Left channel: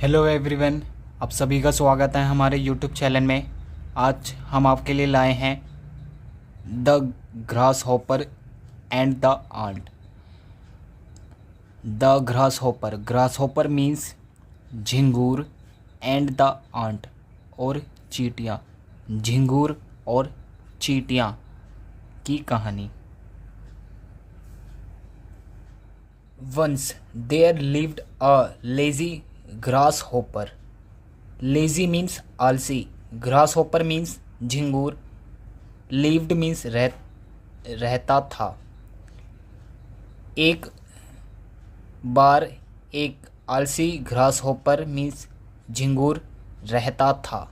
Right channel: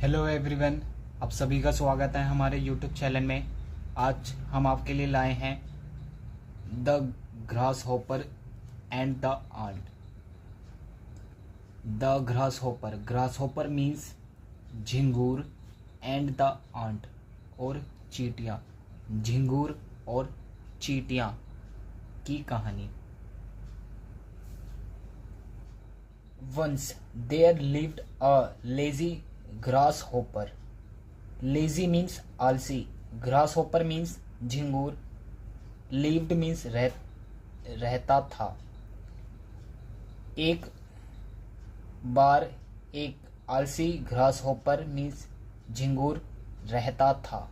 Hello everyone, आप सभी का स्वागत है हमारे यूट्यूब चैनल में। आज हम आपके लिए लाए हैं the grasshopper and the ant. The grasshopper means झिंगूर एंड द आंट और चींटियाँ। झिंगूर और चींटियाँ की कहानी। Once there lived a lazy grasshopper. Lazy means आलसी, grasshopper means झिंगूर, lived means रहता था। एक बार एक आलसी grasshopper means झिंगूर रहता था।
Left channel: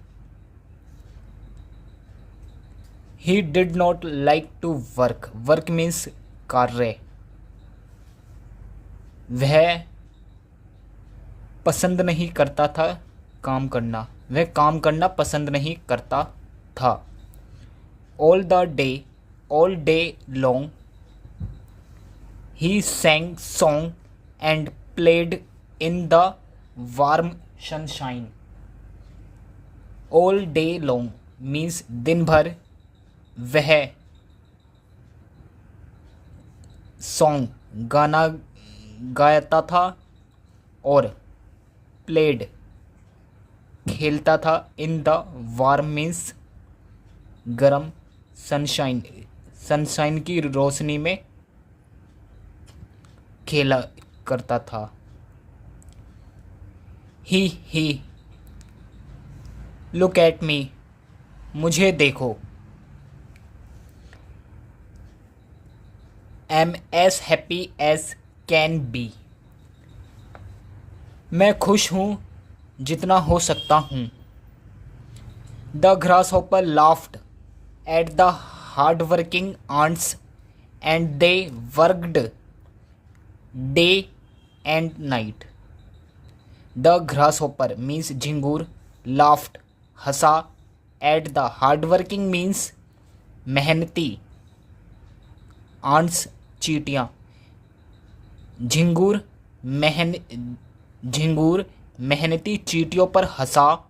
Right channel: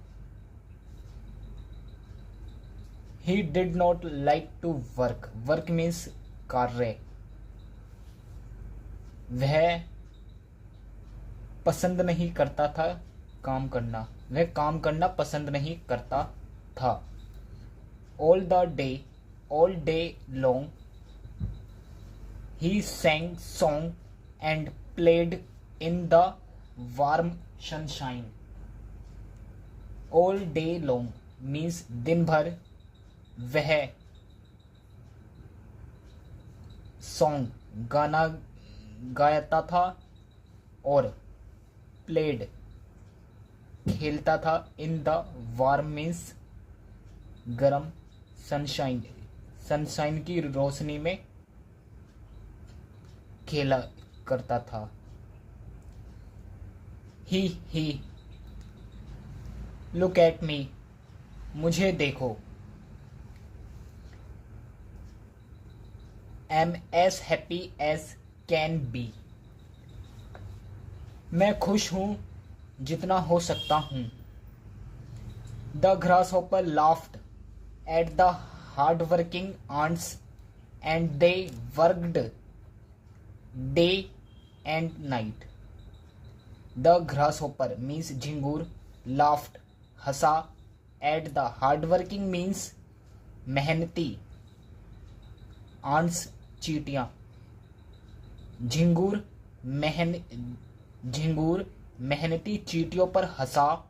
He did not like to work. Work means कार्य। वह पसंद नहीं करता था काम करना। वह काम करना पसंद नहीं करता था। All day long he sang song and played in the warm sunshine. All day long means दिन भर वह सॉन्ग गाना गाता था और प्लेड खेलता था। इन द वार्म मीन्स गरम, सनशाइन की रोशनी में खेला करता था। ही लुक एट मी, मुझे देखो। Am as happy as can be, मैं खुश हूँ जितना हो सकता हूँ। The grasshopper laughed at the hard working ants and they worked day and night. The grasshopper means झिंगूर, लाफ्ड हंसा, at the hard working means मेहनती, आंट्स चींटियाँ। झिंगूर मेहनती चींटियों पर हंसा।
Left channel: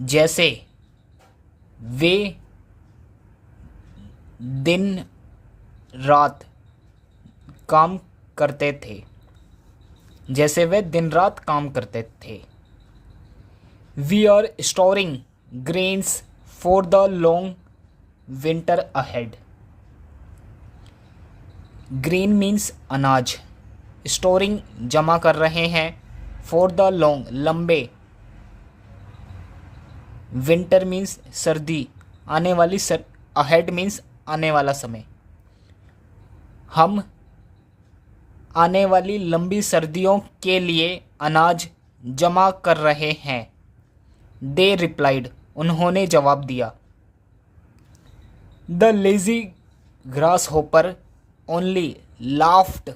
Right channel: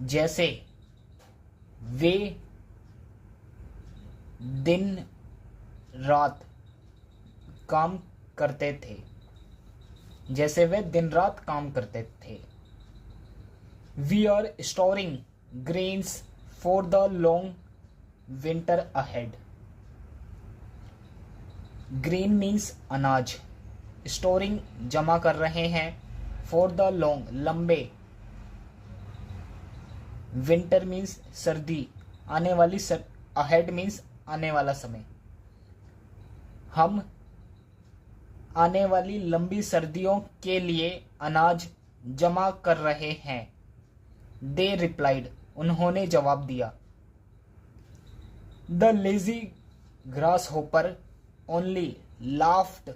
जैसे वे दिन रात काम करते थे। We are storing grains for the long winter ahead. Green means अनाज, स्टोरिंग जमा कर रहे हैं, फॉर द लॉन्ग लंबे, विंटर मीन्स सर्दी, आने वाली अहेड मीन्स आने वाला समय। हम आने वाली लंबी सर्दियों के लिए अनाज जमा कर रहे हैं। दे रिप्लाइड, उन्होंने जवाब दिया। The lazy grass hopper only laughed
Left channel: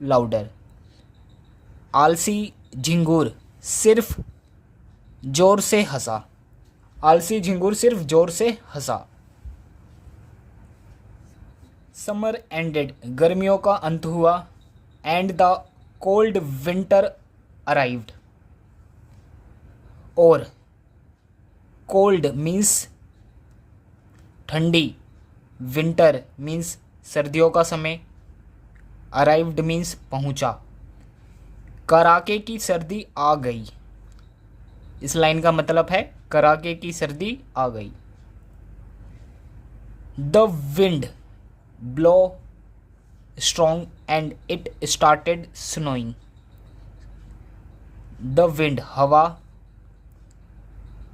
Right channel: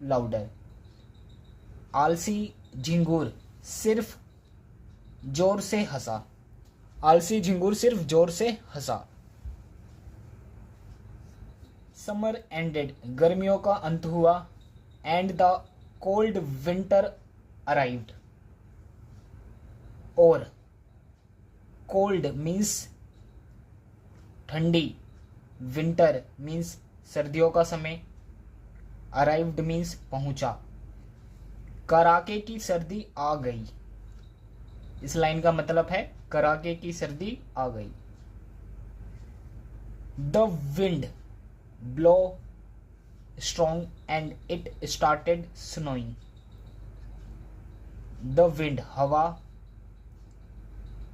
louder. आलसी झिंगूर सिर्फ जोर से हंसा। समर एंडेड, गर्मियों का अंत हुआ, and the cold winter arrived. और कोल्ड मीन्स ठंडी, विंटर मीन्स सर्दियों का समय, अराइव्ड मीन्स पहुंचा। कड़ाके की सर्दी आ गई। इस लाइन का मतलब है कड़ाके की सर्दी आ गई। The wind blow strong and it started snowing. The wind हवा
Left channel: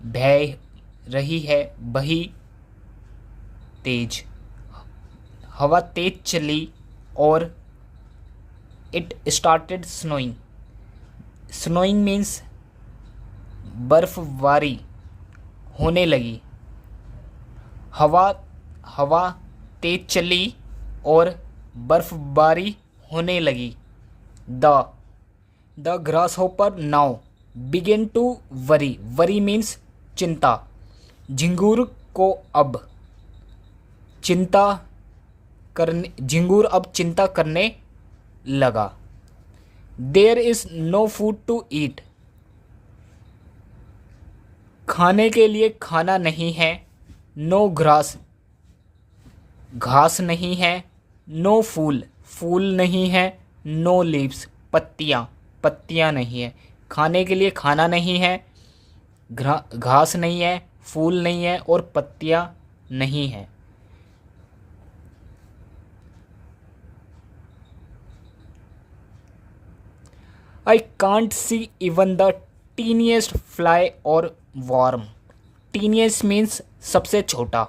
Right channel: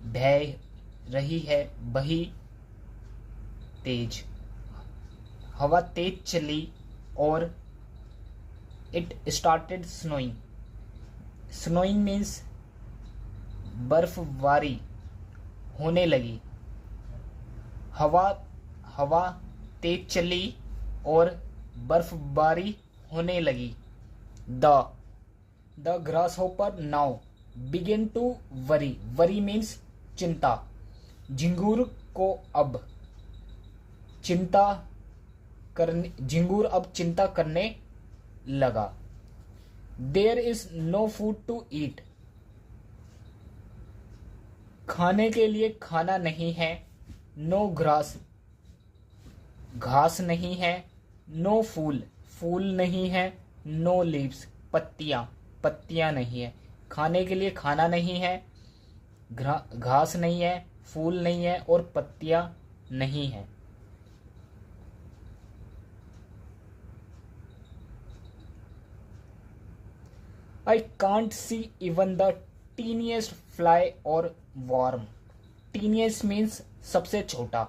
बह रही है, बही तेज, हवा तेज चली और it started snowing. Snowing means बर्फबारी होने लगी। हवा तेज चली और बर्फबारी होने लगी। The grasshopper now begin to worry. Worry means चिंता। झिंगूर को अब चिंता अब चिंता करने लगा। There is no food to eat, खाने के लिए खाना नहीं है। नो ग्रास, घास नहीं है। नो फूल, फूल नहीं है। नो लीव्स, पत्तियाँ, पत्तियाँ नहीं है। खाने के लिए खाना नहीं है, घास नहीं है, फूल नहीं है और पत्तियाँ नहीं है। I can't see even the teeniest fly or worm. Teeniest means सबसे छोटा।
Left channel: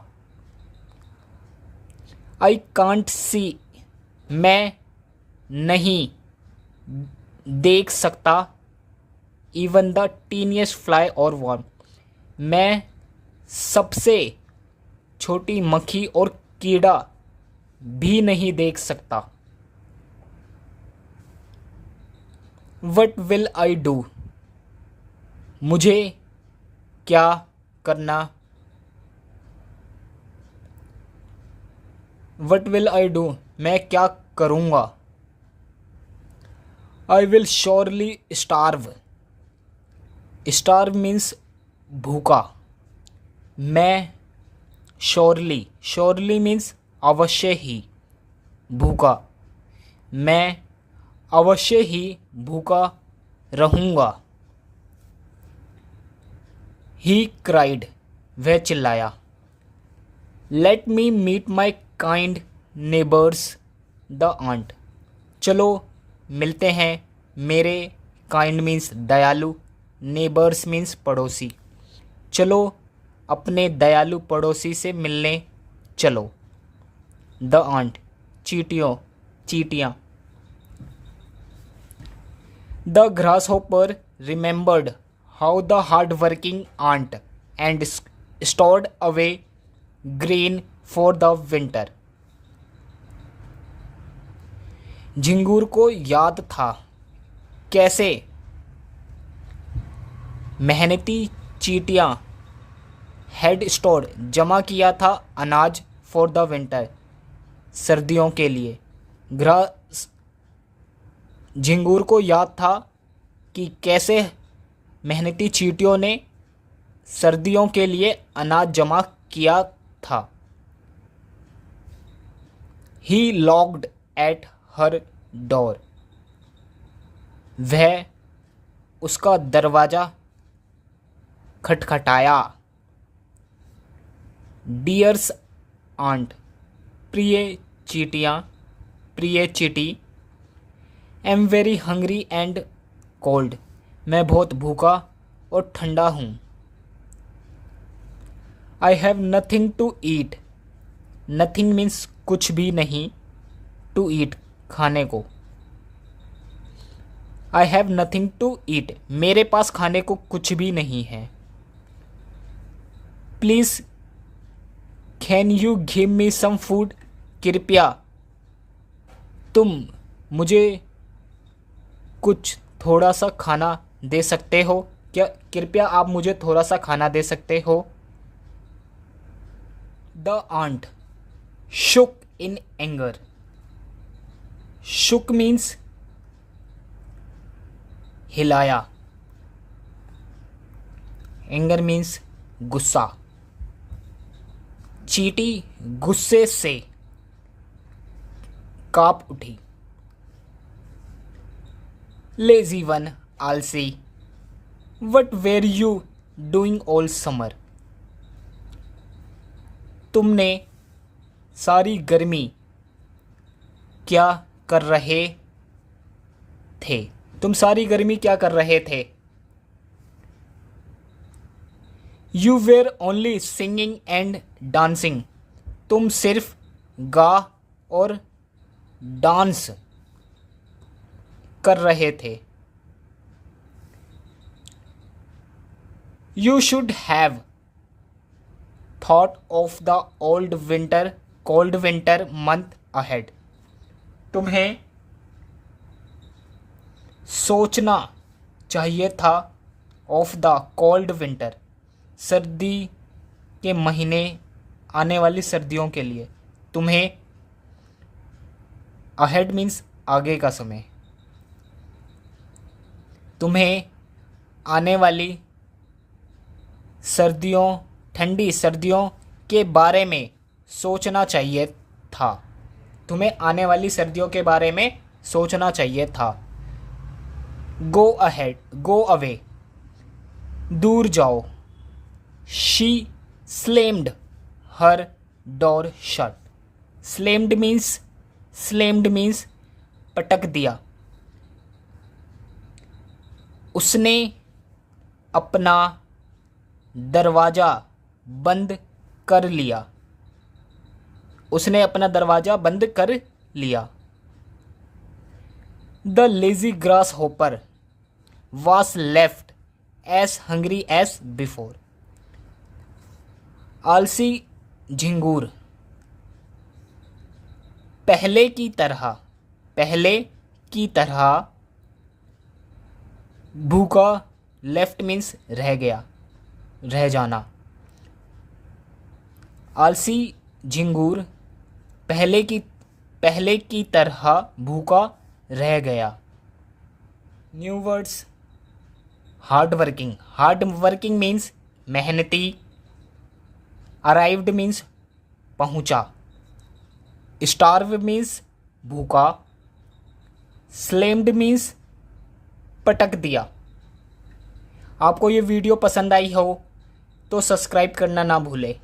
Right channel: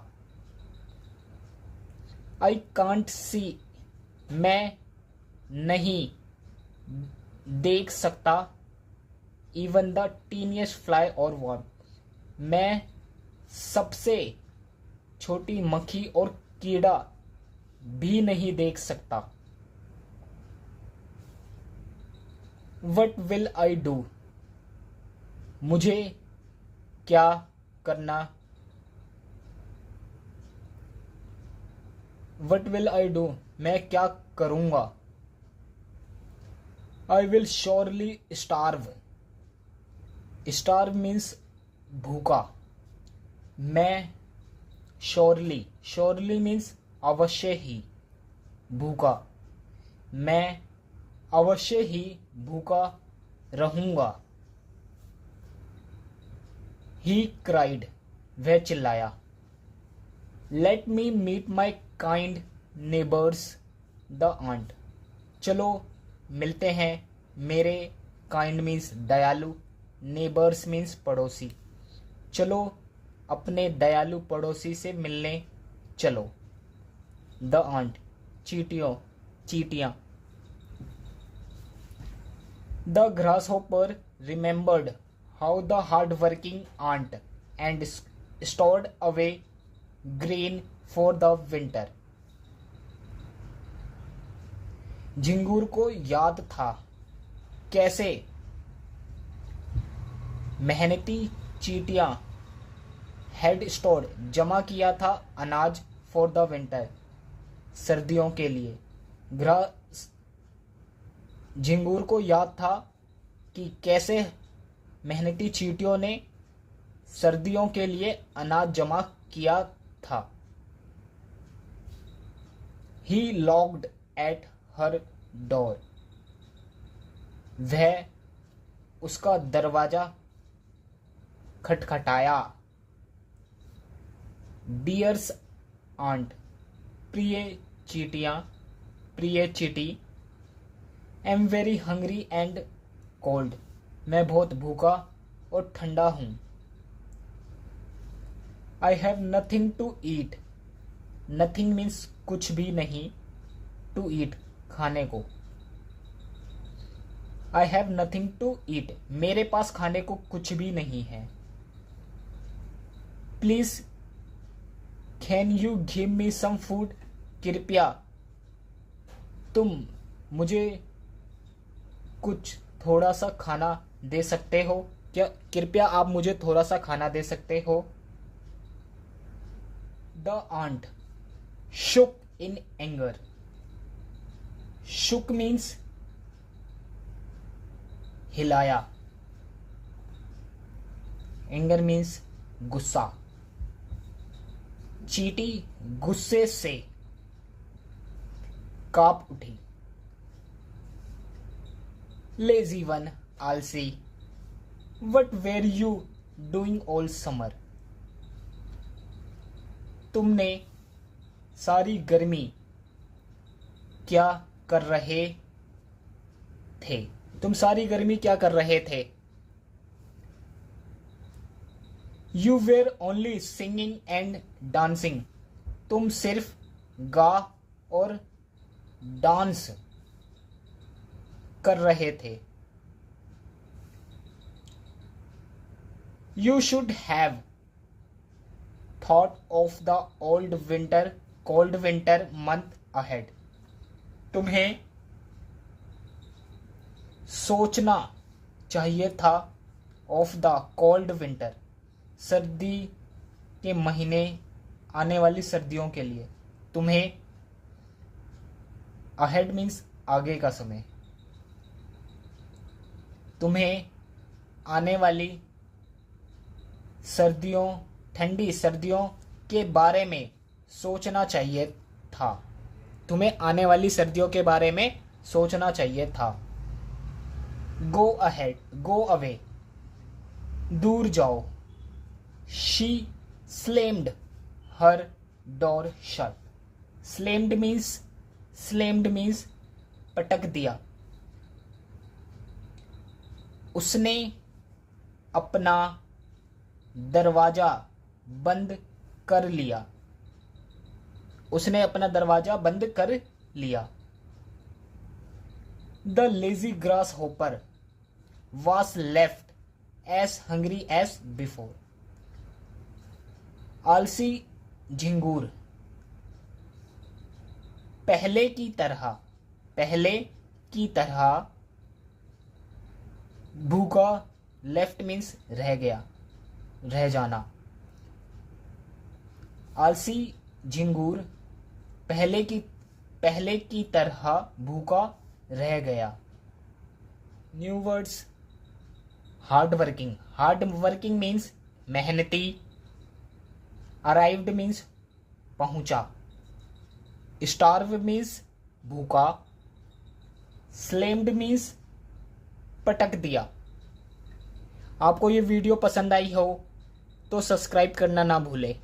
I can't see, मैं नहीं देख सकता। Even the teeniest fly or worm, मैं सबसे छोटी मक्खी और कीड़ा भी नहीं देख सकता। What will I do? मुझे क्या करना? What will I do? मैं क्या करूँगा? I will surely starve. Starve means भूखा। मैं surely, surely means अवश्य ही, भूखा। मैं अवश्य ही भूखा रहूँगा। He cried, वह चिल्लाया। Let me meet my kind neighbors, the aunt. चलो मिलते हैं मेरे, kind means दयालु, neighbors means पड़ोसी। चलो अपने दयालु पड़ोसी से मिलने चलो। The aunt, चींटियाँ। The grasshopper remembered how the hard-working aunt and stored away grain for the winter. झिंगूर को याद था कैसे मेहनती चींटियां had stored, जमा किया था अनाज for the winter, सर्दियों के लिए। झिंगूर को याद था कि कैसे मेहनती चींटियों ने सर्दियों के लिए अनाज जमा किया था। He knocked at her door. वह उसका दरवाजा खटखटाया। Dear's aunt, प्रिय चींटी। am very hungry and cold, मैं बहुत भूखा और ठंडा हूँ। I have nothing to eat. Nothing means कुछ भी नहीं, to eat खाने को। I have nothing to eat, मेरे पास खाने को कुछ भी नहीं है। Please can you give me some food? कृपया तुम मुझे कुछ थोड़ा सा खाना दे सकते हो क्या? कृपया आप मुझे थोड़ा सा खाना दे सकते हो? The aunt shook in anger. Shook means हिलाया। Anger means गुस्सा। चींटी गुस्से से कांप उठी। Lazy one, आलसी। What were you doing all summer? तुमने सारी गर्मी क्या कर रहे थे? तुम सारी गर्मी क्या कर रहे थे? You were only singing and dancing. तुम सिर्फ गा और डांस कर रहे थे। You should have thought of the cold winter month ahead. तुम्हें सोचना चाहिए था of the cold winter, सर्दी के महीने, आने वाली सर्दियों के लिए। तुम्हें अहेड मीन्स आगे का समय। तुम्हें आने वाली सर्दियों, ठंडी सर्दियों के बारे में सोचना चाहिए था। तुम्हें आने वाली सर्दियों के बारे में सोचना चाहिए था। गो अहेड, गो अवे, दूर जाओ। She slammed her door shut. Slammed means पटक दिया। उसने अपना दरवाज़ा बंद कर लिया। उसने अपना दरवाज़ा बंद कर लिया। The lazy grass hopper was left as hungry as before. आलसी झिंगूर पहले की तरह भूखा, लेफ्ट मीन्स रह गया, रह जाना। आलसी झिंगूर पहले की तरह भूखा रह गया। New words, hard working means मेहनती। अराइव्ड मीन्स पहुंचा। स्टार्व मीन्स भूखा। स्लेम्ड मीन्स पटक दिया। आपको ये वीडियो पसंद आई हो तो सब्सक्राइब करना ना भूलें।